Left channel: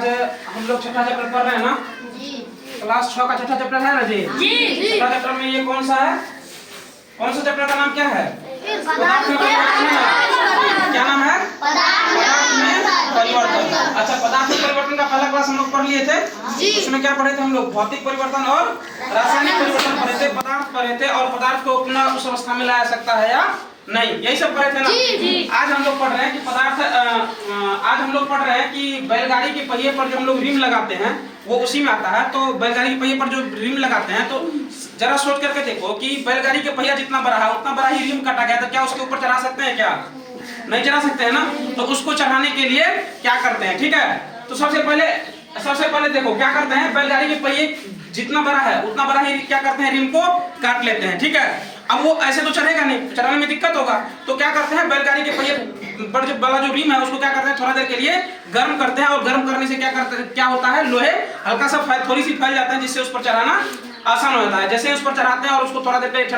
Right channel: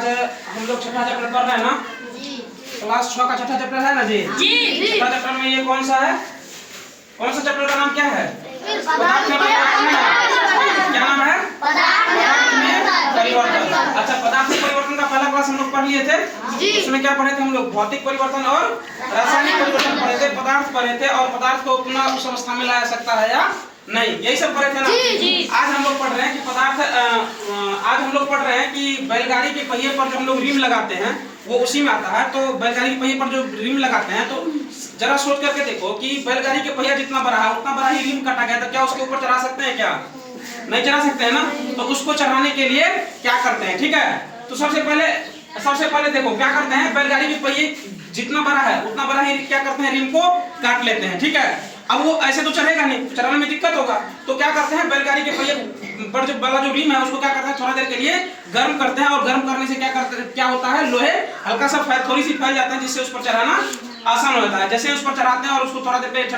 आज हम लोग छठा चैप्टर पढ़ रहे हैं ना जी। क्लास 6 का छठा चैप्टर है ना जी जी। छठा चैप्टर में ये कौन सा है, कौन सा चैप्टर का नाम क्या है? पदार्थ में परिवर्तन है ना। क्या नाम है? पदार्थ में परिवर्तन। अच्छा, पदार्थ में परिवर्तन का पहला क्लास हम लोग पढ़ लिए थे। उसमें क्या पढ़े थे हम लोग? भौतिक परिवर्तन और रासायनिक परिवर्तन पढ़े थे, पदार्थ पढ़े थे और पदार्थ को पुनः उस अवस्था में लाया सकता है या नहीं, यही सब पढ़े थे ना। आज हम लोग पढ़ रहे हैं कि पदार्थ आज हम लोग पढ़ रहे हैं कि बैलगाड़ी के पहिए पर जो हम लोग रिम लगाते हैं वो उसी में आता है। तो बैलगाड़ी के पहिए पर जो रिम लगाते हैं तो जरा सोच करके देखो कि बैलगाड़ी के पहिया जितना बड़ा है उतना बड़ा ही रिम काटा गया, तो क्या उसके ऊपर चढ़ा सकते हैं? क्या नहीं चढ़ा सकते हैं ना। तो उसको चढ़ाने के लिए क्या करते हैं, ठीक है, तो सबसे पहले देखो क्या करते हैं, बैलगाड़ी के पहिए जितना बड़ा है उतना बड़ा ही क्या करते हैं, रिम को काट लेते हैं, ठीक है। अब वो ऐसे तो चढ़ेगा नहीं, चढ़ाने में दिक्कत होगा, तो क्या करते हैं, बैलगाड़ी के पहिए पर जो बड़ा जो रिम है उसको क्या करते हैं, थोड़ा देर के लिए गर्म करते हैं और गर्म करने से क्या होता है, लोहे हल्का सा थोड़ी सी फैल जाता है, जिससे उस पर चढ़ाना आसान हो जाता है। जैसे उस पर चढ़ाते हैं और उसको थोड़ा देर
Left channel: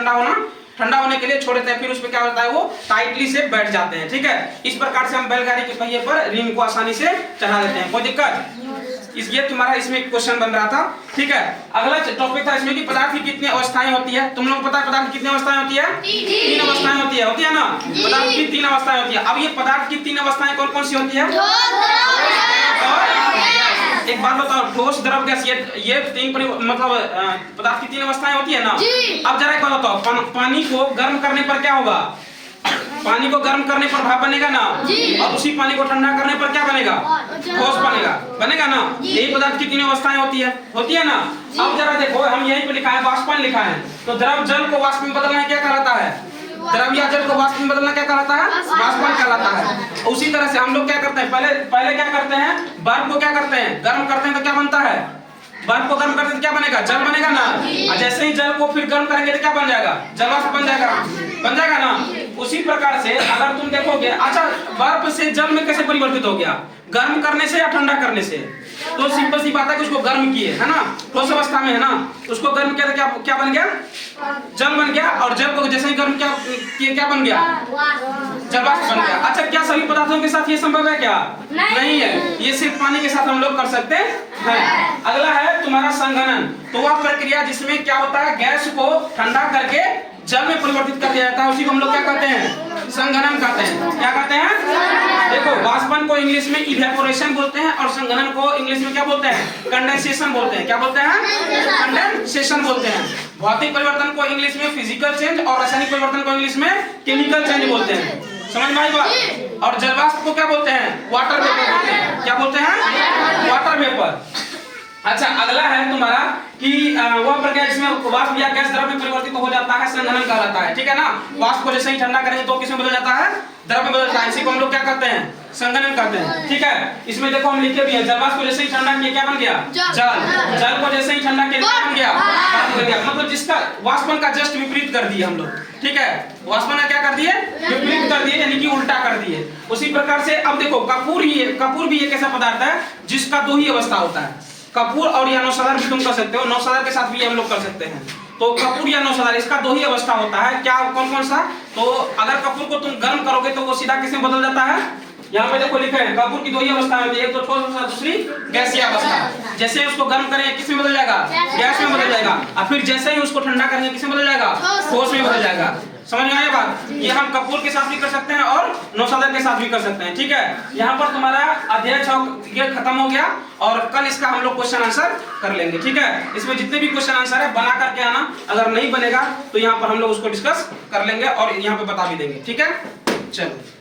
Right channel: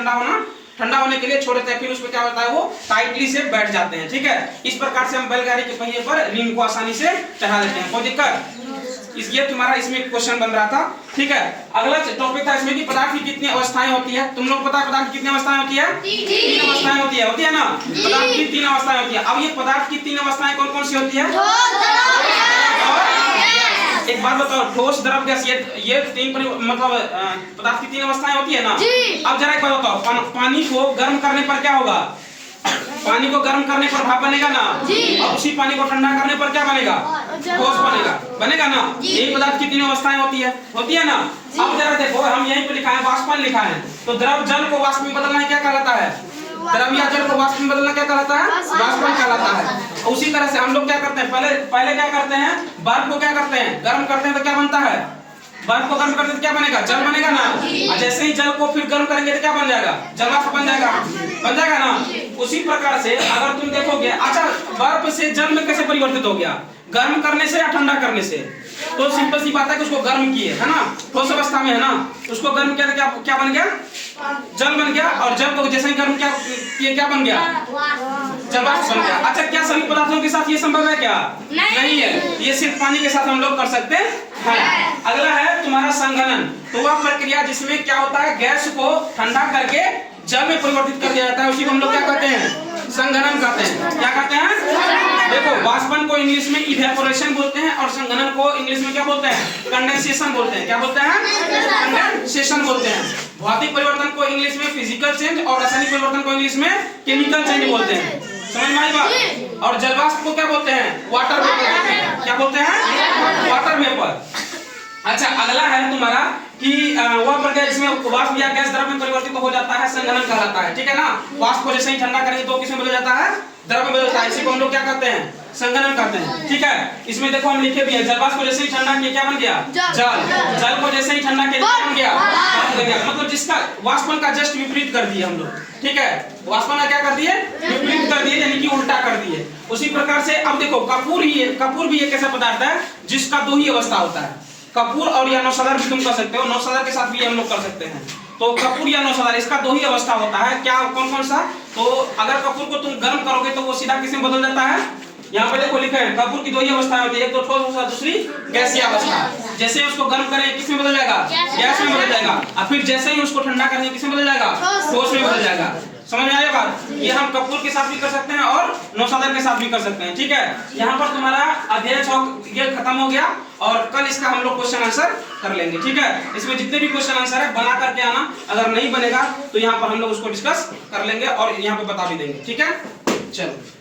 ठंडा होने के लिए छोड़ देते हैं, फिर उस पर क्या होता है, वो टाइटली से बैठ जाते हैं, ठीक है। इस प्रकार से हम बैलगाड़ी के पहिए पर रिम को आसानी से चढ़ा देते हैं, कोई दिक्कत? ये तुम्हारा इसमें क्वेश्चन बन रहा था, ठीक है। अगला टॉपिक था इसमें कि पदार्थ की कितनी अवस्थाएं होती है। तुम लोग पता है पदार्थ की कितनी अवस्थाएं होती है? 3 अवस्थाएं होती है ना। पदार्थ की 3 अवस्थाएं होती है। अब ये पदार्थ की 3 अवस्थाएं कौन कौन सी होती है? और एक बात बताओ, ठोस, द्रव, गैस, ये 3 मतलब पदार्थ की 3 अवस्थाएं होती है ना। अब जरा एक बात बताओ, पानी को गर्म करने पर क्या होगा? पानी को गर्म करने पर भाप बनेगा ना, और उसी पानी को ठंडा करने पर क्या बनेगा? ठोस बनेगा ना। यही पदार्थ की 3 अवस्थाएं होती है ना। अब जरा देखो, हम यहीं पे लिखा है वाष्पन लिखा है, तो द्रव जल को वाष्प में बदलना क्या कहलाता है? द्रव या जल को वाष्प में बदलना क्या कहलाता है? वाष्पन कहलाता है। उसी तरह से हम लोग क्या करते हैं, पहले क्या करते हैं, बर्फ को क्या करते हैं, गर्म करते हैं, तो क्या बनता है? बर्फ को गर्म करते हैं तो क्या बनेगा? जल बनेगा ना। और जैसे ही जल को फिर गर्म करेंगे तो क्या बन जाएगा? जलवाष्प बन जाएगा ना। उसी प्रकार से अगर तुम देखोगे, अच्छा, बर्फ से जल में कैसे परिवर्तित हो गया? गर्म करने से या ठंडा करने से? तो सिंपल सी बात है कि उसको गर्म किए, है ना, ठोस अवस्था में है ना, उसको गर्म किया तो क्या बन गया? जल बन गया। और जल को जैसे ही गर्म किया क्या बन गया? जलवाष्प बन गया। अच्छा, क्या सभी पदार्थों के साथ ये संभव है? क्या नहीं है, ये सिर्फ पानी के साथ हम लोग कर सकते हैं। अगला है तुम्हारा संघनन। तो वह प्रक्रिया जिसमें क्या होता है, गैस को ठंडा करके जल में परिवर्तित कर दिया जाता है, उसी को हम लोग क्या कहते हैं? संघनन कहते हैं। क्या कहते हैं? देखो, वाष्पन को इंग्लिश में इवेपोरेशन बोलते हैं और संघनन को इंग्लिश में क्या बोलते हैं? कंडेंसेशन बोलते हैं। क्या बोलते हैं? कंडेंसेशन बोलते हैं। भौतिक परिवर्तन को इंग्लिश में फिजिकल चेंज और रासायनिक परिवर्तन को इंग्लिश में केमिकल चेंज बोलते हैं। समझ में आई बात? और जलवाष्प को क्या बोलते हैं? वाटर वेपर बोलते हैं। क्या बोलते हैं? Water vapour. अच्छा, अगला है तुम्हारा कि वह प्रक्रिया जिसमें वाष्प या गैस द्रव में परिवर्तित हो जाता है, संघनन कहलाता है, ठीक है ना। वाष्प को जैसे ही ठंडा करेंगे तो किसमें बदल जाता है? द्रव में बदल जाता है। इसी को हम लोग क्या कहते हैं? संघनन कहते हैं, ठीक है। इसमें देखो हम लिखे भी है, जलवाष्प को जैसे ही ठंडा किया क्या बन गया? जल को जैसे ही ठंडा किया क्या बन गया? मतलब जिसका वाष्पन का जस्ट विपरीत कर दिया हम लोग, ठीक है। वाष्पन का क्या कर दिए? विपरीत कर दिए, यानी कि उल्टा कर दिए। उसी प्रकार से अब देखो, कपूर भी एक ऐसा पदार्थ है जिसका 2 ही अवस्था होता है। कपूर और या नौसदर भी तुम कर सकते हो, नौसदर के साथ भी हम लोग कर सकते हैं। तो कपूर या नौसदर, इसका 2 ही अवस्था होता है। क्या, कौन कौन सा? तो अगर कपूर को तुम गर्म करोगे तो वो सीधा किसमें बदल जाता है? यहाँ पे देखो लिखा है, कपूर की 2 ही अवस्था होती है, एक तो ठोस अवस्था, दूसरी गैसीय अवस्था। जैसे उसको गर्म करेंगे किसमें बदल जाएगा? गैस में बदल जाएगा। और फिर जैसे ही उसको ठंडा करेंगे किसमें बदल जाएगा? ठोस में बदल जाएगा। समझ में आया बात? ये हम कपूर के साथ भी कर सकते हैं और नौसदर के साथ भी कर सकते हैं, ठीक है। यहाँ पर तुम्हारा अध्याय 6 ये खत्म हो गया और कल इसका हम लोग क्वेश्चन आंसर कर लेंगे, ठीक है। इसमें जितने भी क्वेश्चन आंसर है बना करके आना, अगर नहीं बनेगा तो यहाँ पर हम लोग उसको डिस्कस कर लेंगे और यहाँ पे बता भी देंगे, ठीक है। चलो।